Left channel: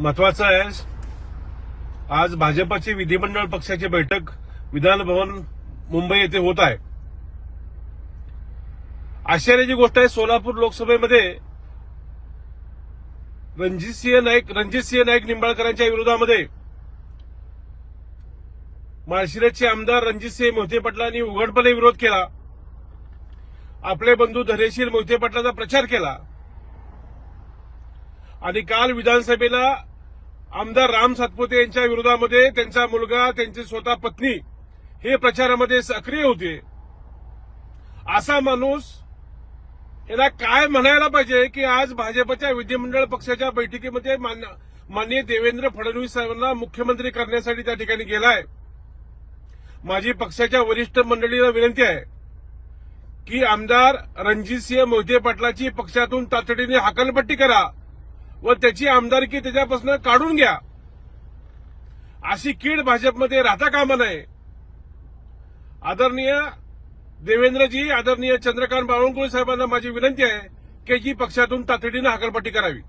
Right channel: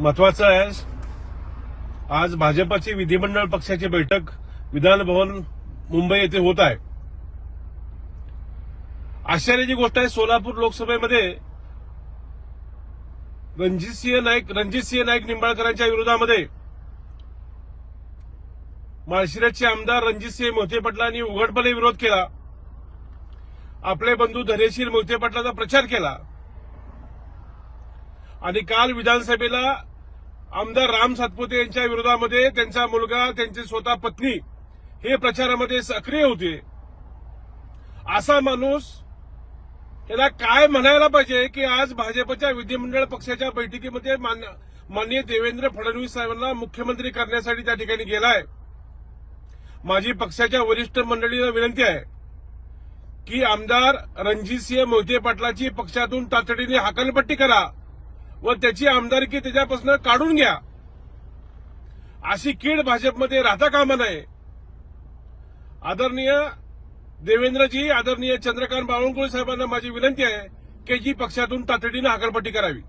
महत्वाचं आहे आज भाजपाची विधिमंडळ पक्षाची बैठक विधान भवन मुंबई येथे होत आहे. आश्चर्याची गोष्ट आहे सोलापूर लोकसभेमध्ये रणजितसिंह नाईक रणजितसिंह नाईक निंबाळकरांच्या विरोधामध्ये माळशिरसचे आमदार रणजितसिंह मोहिते पाटलांनी उघडपणे विरोध केला. आपले बंधू धैर्यशील मोहिते पाटलाचा प्रचार केला. आणि काल विधानसभेला आमदार राम सातपुते यांच्या विरोधामध्ये त्यांचा मुलगा त्यांची स्वतः पत्नी हे प्रचारामध्ये सक्रिय होते. असा माणूस याला काय म्हणायला पाहिजे की आज भाजपच्या विधिमंडळ पक्षाच्या बैठकीमध्ये माननीय देवेंद्र फडणवीस साहेबांना मुख्यमंत्री करण्यासाठी त्या ठिकाणी गेलाय. माझी पक्षाच्या वरिष्ठ मंडळीला विनंती आहे की आमदार रणजितसिंह मोहिते पाटलाची पक्षातून तातडीने हाकलपट्टी करा. व त्याची आमदारकी त्याच्यापासून काढून घ्या. अशी कीड भाजपमध्ये राहता कामा नये. आदरणीय देवेंद्रजी आदरणीय चंद्रकांत बावनकुळे साहेबांना माझी विनंती आहे की जी पक्षातून तातडीनं हाकलपट्टी करावी.